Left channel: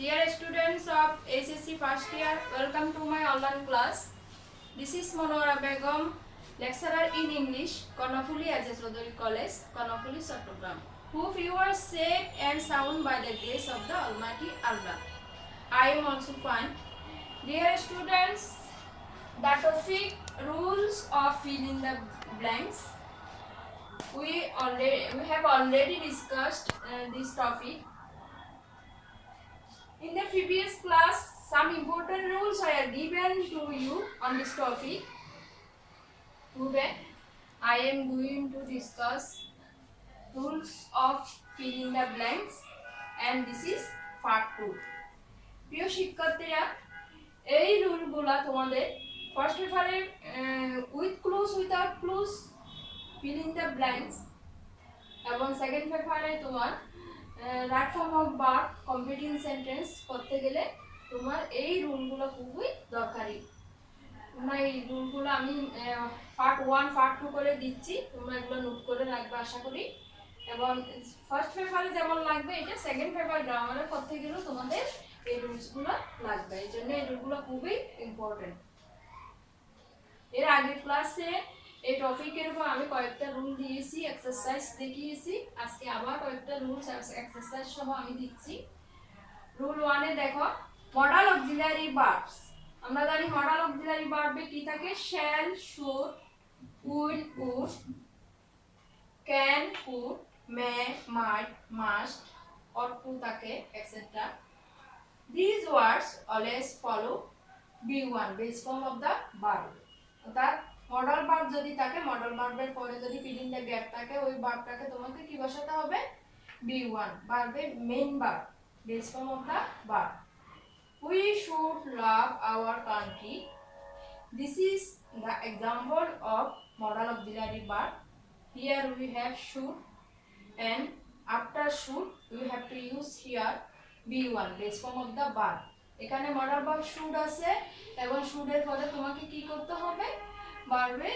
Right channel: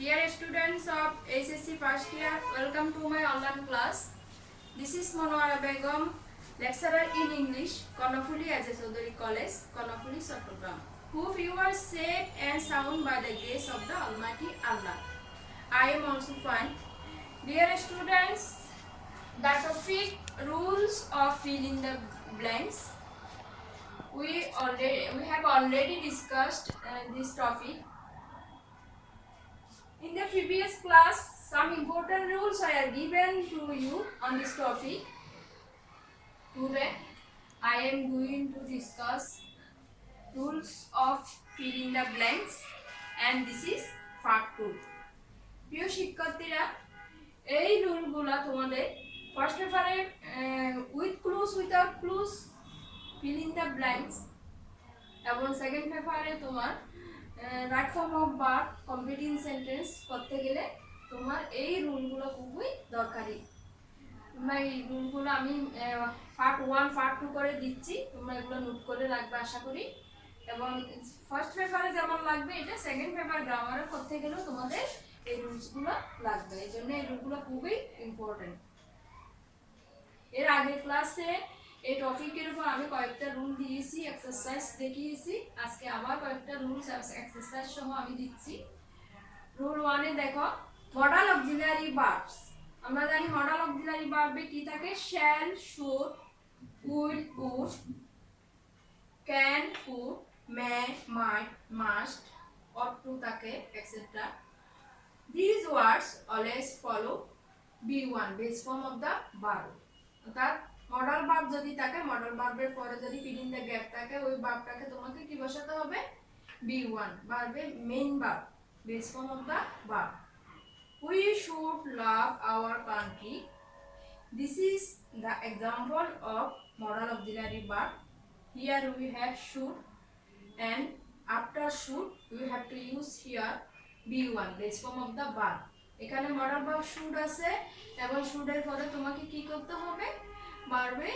Dear students of HSC first year, welcome to my online class. This is Monora Begum, lecturer in English, Konofuli Ajay Chaudhary College, Konofuli, Chattogram. Hope you are safe and sound by the grace of the Almighty Allah. I am also fine. Dear students, the topic rules of fill in the blanks. We have already discussed this topic. In the previous class, some important rules are given to you on this topic. Today, I am going to discuss rules of filling the blanks, and this is part 2. প্রিয় শিক্ষার্থীরা, এই রুলগুলো তোমাদের ফার্স্ট পেপারে with clues without clues filling the blanks এবং সেকেন্ড পেপারে তোমার right form of verb completing sentence করতে গেলে তোমার এই রুলগুলো খুবই দরকারি। তোমরা এই রুলগুলো আমি পার্ট 1 পার্ট 2 করে দিচ্ছি, তোমরা এগুলো নোট করে রাখবে আশা করি। এবং ফার্স্ট পেপারে যেমন লাগবে এটা সেকেন্ড পেপার গ্রামারে করতে গেলেও তোমাদের এই রুলসগুলো লাগবে, এই জন্য এই রুলগুলো খুবই ইম্পর্টেন্ট। এর আগের ক্লাসে এই টপিকের উপর আমি কয়েকটা রুল দিয়েছি, এক্সারসাইজ দেখিয়েছি। আজকে আবার কয়েকটা রুলস এক্সারসাইজ সহ আমি দিচ্ছি। রুল 1 এ দেখো, মডাল অক্সিলারি ভার্বস। আমরা জানি মডাল অক্সিলারি ভার্বে কি থাকে? Shall, should, will, would, can, could, may, might, must, ought to থাকে, etcetera. These words always follow B1, base form of the verb. অর্থাৎ মডাল ভার্ব যদি থাকে, মডাল ভার্বের পরে যদি ফিল ইন দ্য গ্যাপ থাকে, ওই ভার্বটাকে তোমাকে কি বসাতে হবে? B1, ভার্বে main verb, base form of the verb. We should love our country. This is the example of modal auxiliary verb. Here we have should, and after should we have to use here B1, base form of the verb. এখানে modal verb should আছে এবং শুডের পরে তোমাকে কি করতে হবে? ভার্বে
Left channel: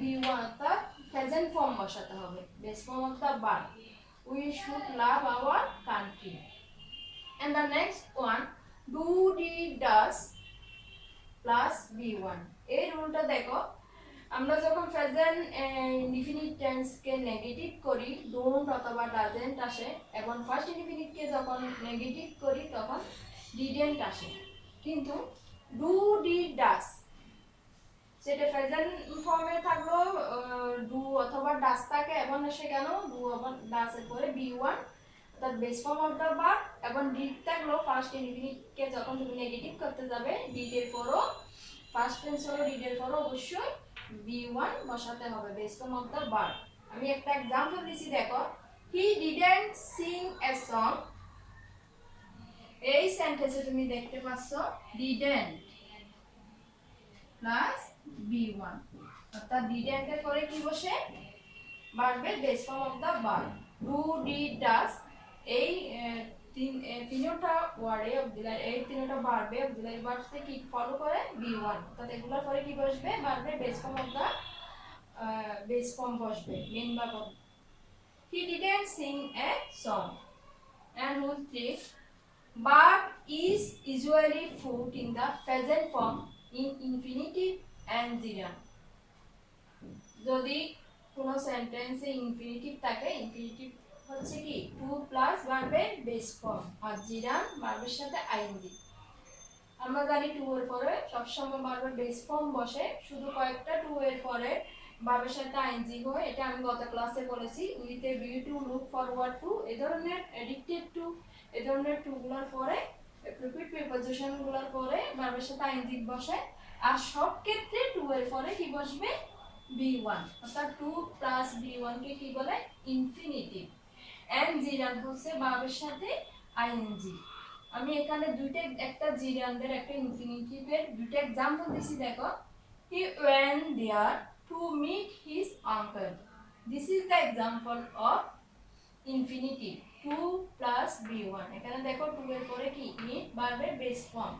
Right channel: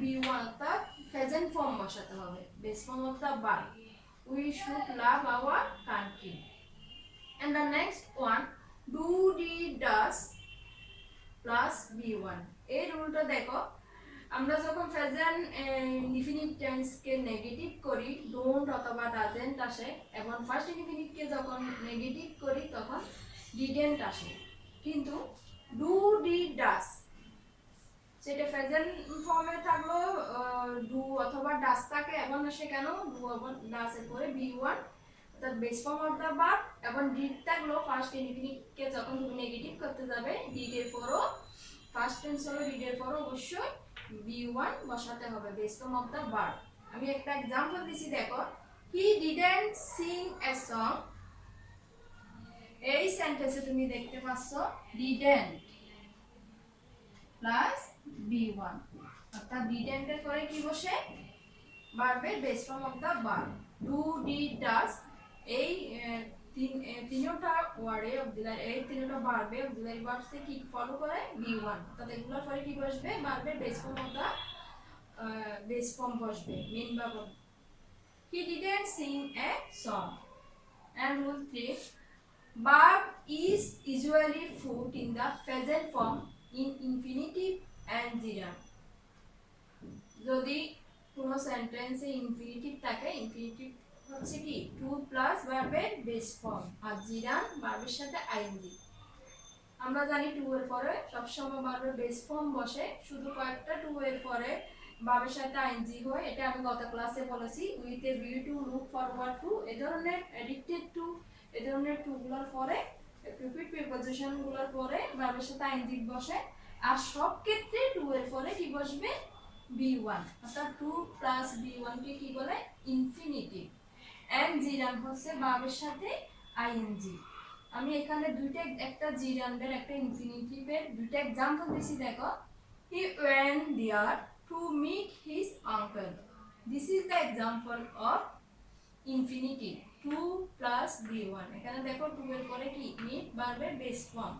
B1 অর্থাৎ প্রেজেন্ট ফর্ম বসাতে হবে, base form of the verb. We should love our country. And the next one, do, did, does plus B1. এই রুলটা দেখো, আমরা যখন প্রেজেন্ট ইনডিফিনিট টেন্স কে নেগেটিভ করি, ডোন্ট অথবা ডাজেন্ট আসে, এবং ফার্স্ট ইনডিফিনিট কে যখন নেগেটিভ করি তখন ডিডেন্ট আসে। কিন্তু ডু, ডিড, ডাস সেটা প্রেজেন্ট ফর্মে থাকলো, ডু অথবা ডাস থাকে, এবং সে কেন ডু এবং ডাসের পরে B1 অর্থাৎ base form of the verb, এবং ডিড থাকলো ফার্স্ট ইনডিফিনিট কে যখন তুমি নেগেটিভ করতে যাবে, ডিডের পরও ফার্স্ট টেন্স হলো ডিডের পরও অবশ্যই B1 বসাতে হবে, base form of the verb. আমি একটা एग्जांपल দিছি, দেখো, হি ডিডন্ট সিং এ সং। এই সেন্টেন্সে তুমি দেখতে পাচ্ছো ডিডন্ট প্লাস B1, অর্থাৎ ডিডন্ট এর পরে কি বসে? ভার্বের base form of the verb. Do, did, does এই তিনটা ওয়ার্ডে অক্সিলারি, এই তিনটা ভার্বে অক্সিলারি ভার্বসে কি ফলো করে? B1, অর্থাৎ এগুলোর পরে কি বসবে? ভার্বের base form of the base form বসবে, main verb. He didn't sing a song. And rule 3, verb is usually put in the present form in infinitive and gerund. যদি কোনো সেন্টেন্সে ইনফিনিটিভ থাকে, ইনফিনিটিভ হচ্ছে কি টু প্লাস ভার্বের বেস ফর্ম, আর জিরান্ড ভার্বের সাথে আইএনজি। আমরা জানি টু এর পরে সবসময় ভার্বের বেস ফর্ম বসে, শুধু কয়েকটা টু এর পরে ভার্বের সাথে আইএনজি হয়। এটা আমি গত ক্লাসে বলেছি, with a view to, look forward to, এই ধরনের এডিক্টেড টু, এই ধরনের টুগুলোর পরে প্রিপিট প্রিপোজিশনগুলোর পরে ভার্বের সাথে আইএনজি বসে, আর সব ক্ষেত্রে টু এর পরে কি বসবে? B1, অর্থাৎ 2 প্লাস B1 কে কি বলে? ইনফিনিটিভ। এন্ড জিরান্ড হচ্ছে ভার্বের সাথে আইএনজি। আমি এখানে দুইটা, একটা জিরান্ডের একটা ইনফিনিটিভের দুইটা एग्जांपल দিছি, দেখো। He went there to meet his uncle. This is the example of infinitive 2 plus B1। এখানে দেখো 2 এর পরে কি? মিট, ভার্বের base form.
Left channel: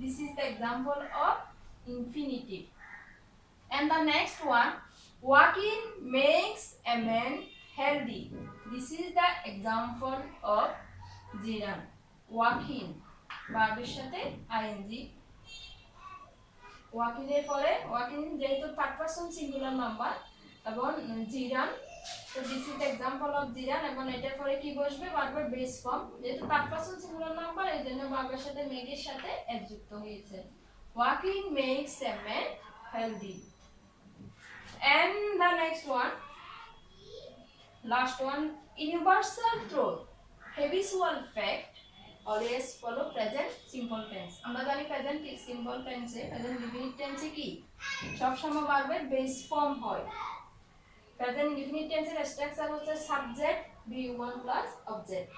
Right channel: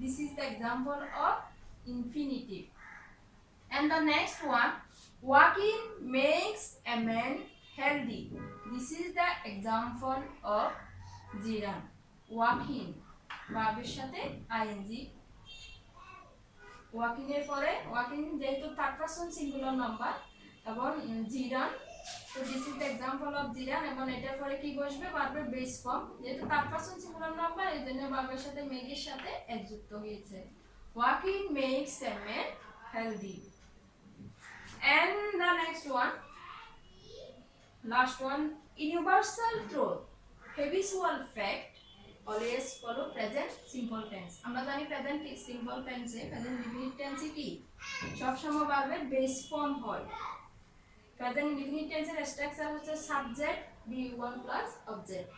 This is the example of infinitive. And the next one, walking makes a man healthy. This is the example of gerund. Joaquin ভার্বের সাথে আইএনজি ওয়াকিনের পরে ওয়াকিন যেহেতু থার্ড পারসন সিঙ্গুলার নাম্বার এবং জিরান তো this is the example of জিরান এবং এটার পরে কি বসবে ভার্বের বেস ফর্ম যেহেতু থার্ড পারসন সিঙ্গুলার নাম্বার এই জন্য ভার্বের সাথে মেকের সাথে এস যুক্ত হয়েছে walking makes a man healthy and the next one last one universal truth habitual fact always follow present simple tense আমরা জানি প্রেজেন্ট সিম্পল টেন্সে প্রেজেন্ট ডিফিনিট টেন্সে কি সব সময় ভার্বের বেস ফর্ম হয় প্রেজেন্ট ডিফিনিট টেন্সের স্ট্রাকচার হচ্ছে সাবজেক্ট বি1 প্লাস অবজেক্ট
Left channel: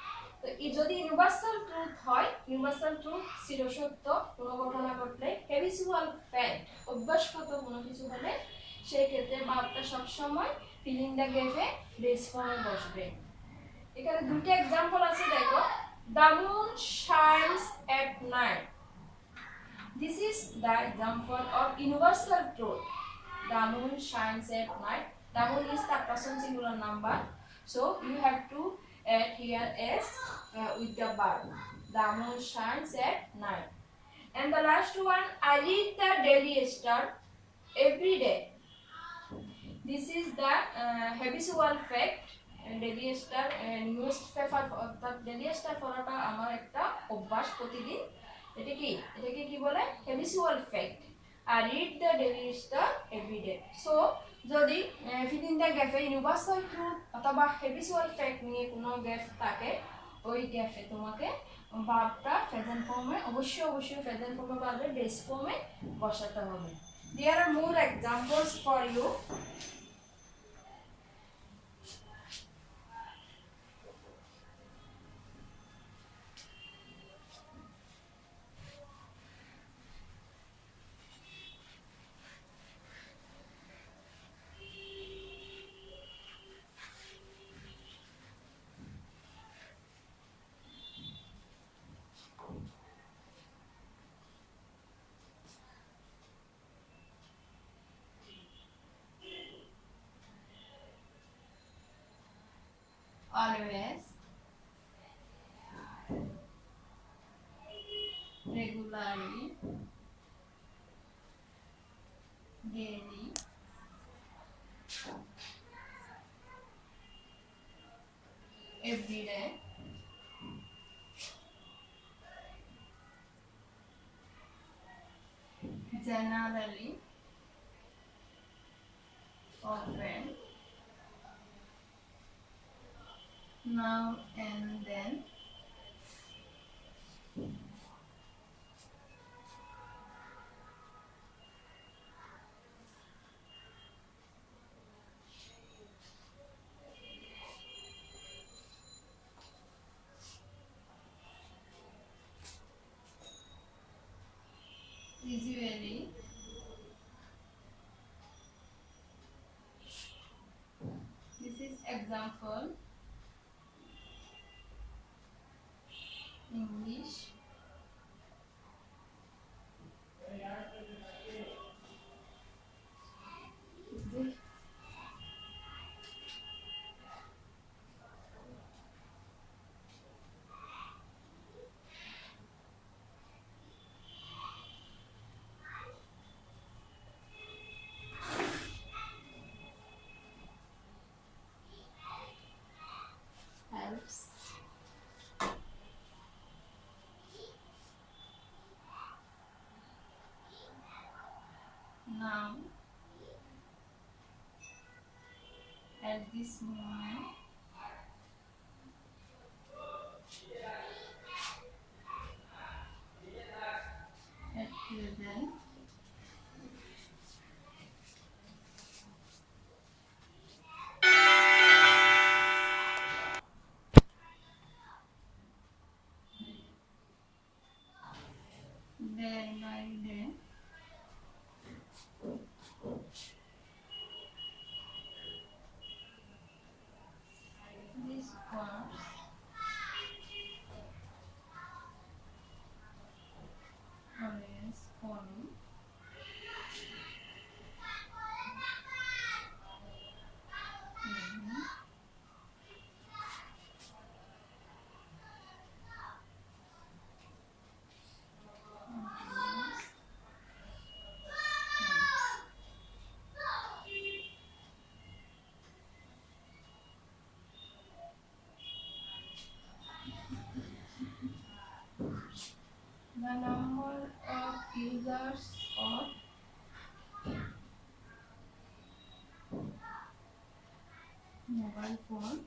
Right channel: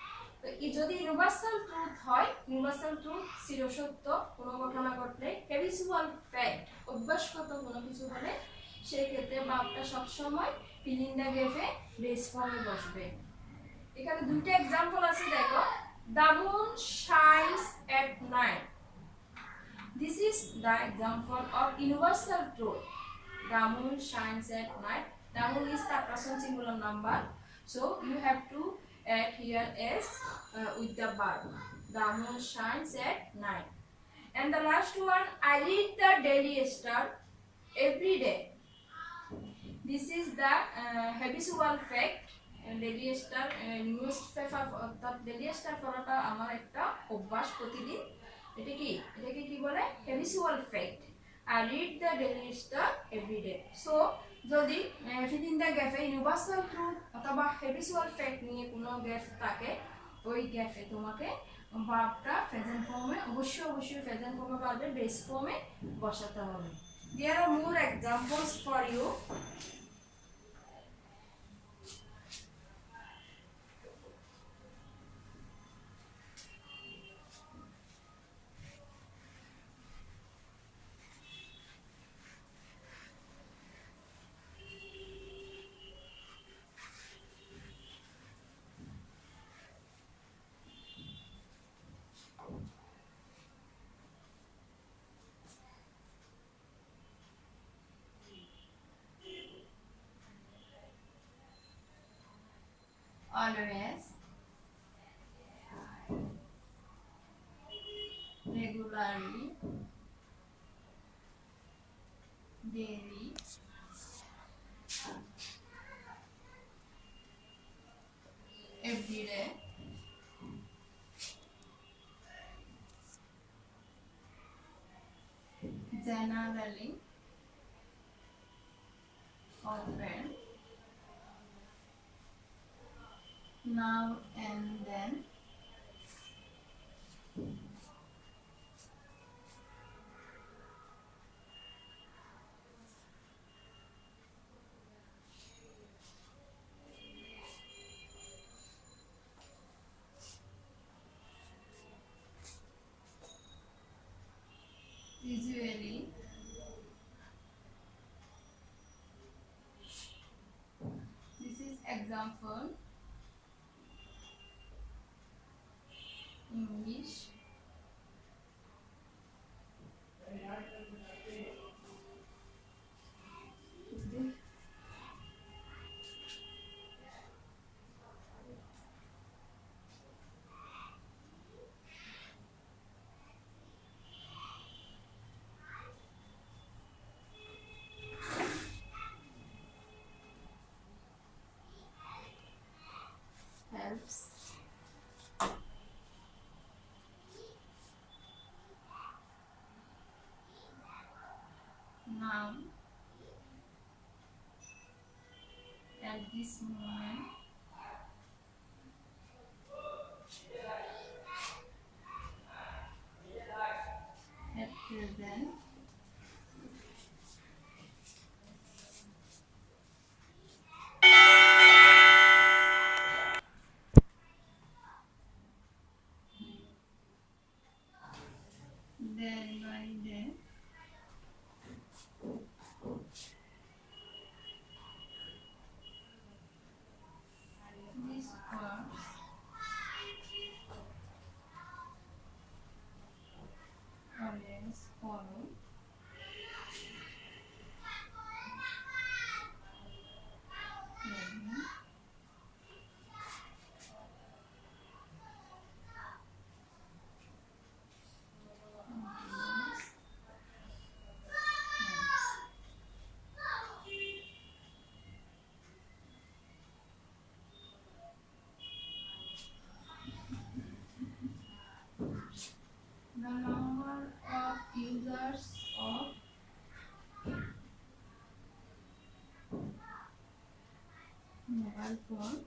তো এই যদি ইউনিভার্সাল ট্রুথ হয় ইউনিভার্সাল ট্রুথ চিরসত্য কোনো ঘটনা ঘটলে হ্যাবিচুয়াল ফ্যাক্ট অভ্যাসগত কোনো কিছু হলে সেই ক্ষেত্রে ভার্বটা সব সময় ফিলিং দ্য গ্যাপে বেস ফর্মে বসবে এখানে দুটো एग्जांपल আছে দেখো the moon shines at night this is the example of universal truth the moon shines at night the moon is the person singular number so you have to add here s with the verb the moon shines at night and the last one I read the daily star every day this is the habitual fact Daily Star news paper অর্থাৎ Daily Star পড়াটা আমার একটা অভ্যাস প্রতিদিন এটাকে কি বলে habitual fact I read the Daily Star everyday so যদি ফিলিং দ্য গ্যাপে ইউনিভার্সাল ট্রুথ অথবা হ্যাবিচুয়াল ফ্যাক্ট নিয়ে কোনো গ্যাপ থাকে ওই গ্যাপে তোমাকে ভার্বটা প্রেজেন্ট ফর্মে অবশ্যই প্রেজেন্ট ফর্মে ভার্বের বেস ফর্মে বসাতে হবে there are more examples for you always regularly daily every day generally often now and then usually this is example English helps now at this moment at present day by day these words always follow number of users of mobile phone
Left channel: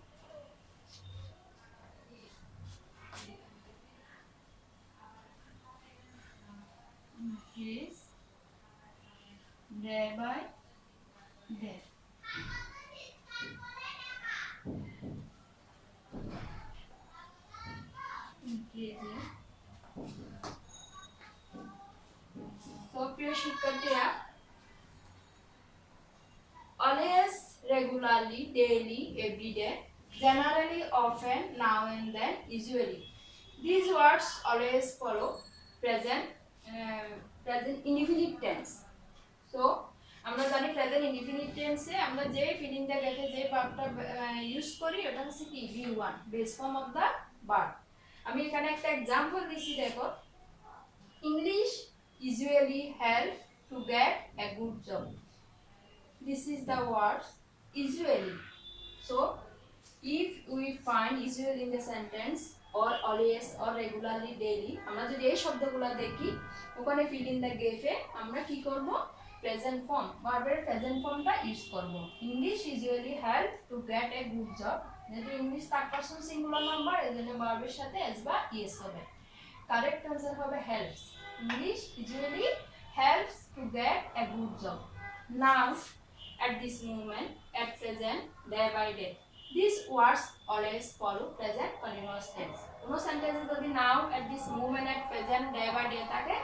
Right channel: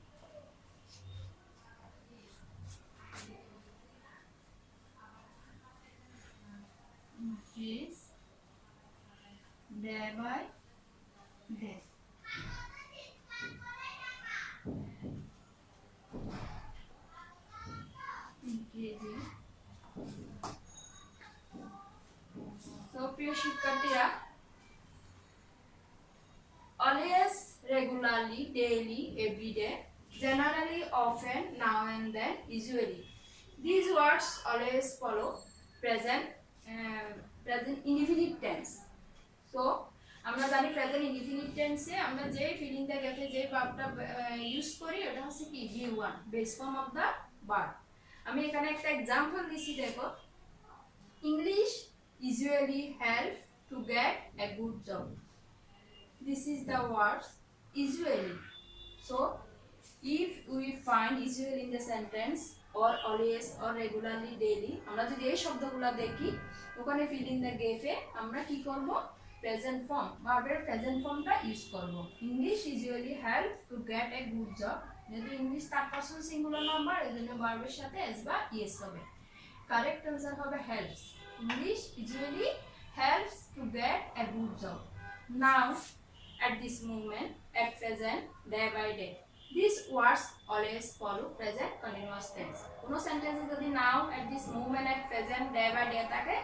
increase day by day. Increasing. So প্রিয় শিক্ষার্থীরা, always, regularly, daily, every day, generally, often, now and then, usually. These words always follow present present indefinite tense. So আমরা জানি present indefinite টেন্সে আমরা যে ফিলিংটা গেছে যে ভার্বটা ইউজ করি ওটা হচ্ছে কি V1 base form of the verb. আমি এখানে একটা एग्जांपल দিছি, দেখো, English usually help to get a good job. This is the words usually. So if we find usually in the sentence or always or regularly daily, আমরা যদি এই শব্দগুলো দেখি ওখানে fill in the gap এ আমরা কি করব, প্রেজেন্ট ফর্ম ভার্বের প্রেজেন্ট ফর্মটা ইউজ করব। English usually help to get a good job, যেহেতু English third person singular number এজন্য ভার্বের সাথে এস বা ইএস হবে। কারেক্ট आंसर হবে helps. English usually helps to get a good job. Now at this moment, at present, day by day. These words always follow present continuous tense. কোনো সেন্টেন্সে যদি নাও, at this moment, at present, day by day থাকে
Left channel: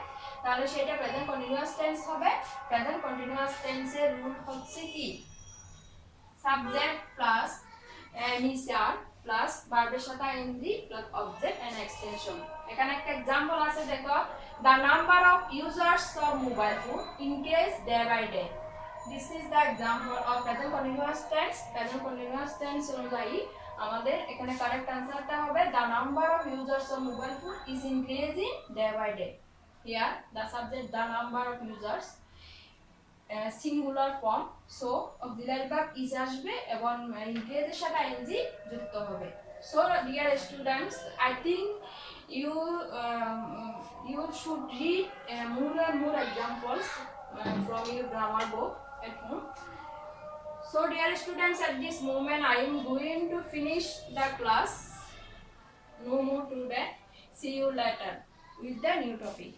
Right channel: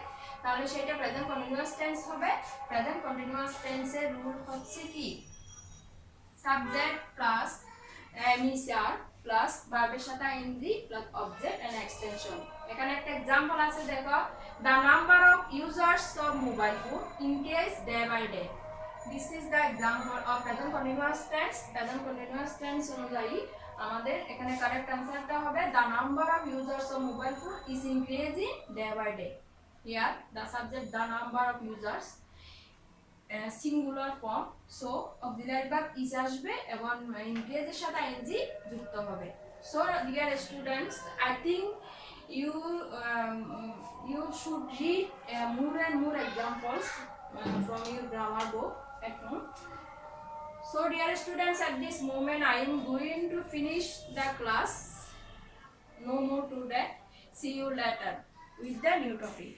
তাহলে সেটা present continuous tense হবে। Present continuous টেন্সের rule হচ্ছে কি, সাবজেক্ট প্লাস এমিসার প্লাস ভার্বের সাথে I N G plus object and extension. এখানে একটা एग्जांपल আছে, দেখো, the number of users of mobile phone increase day by day. This is the example of present continuous tense. Present continuous tense অনুযায়ী আমাদের এখানে কারেক্ট आंसरটা হবে the number of users of mobile phone is increasing day by day. Here the subject the number of users, singular form, so auxiliary verb is আসবে এবং increase এর সাথে ing যুক্ত হবে। So dear students, I think you should read more and more examples from your grammar book at home. So dear students, at this moment I am going to finish the class. No more today. See you later with the new topic.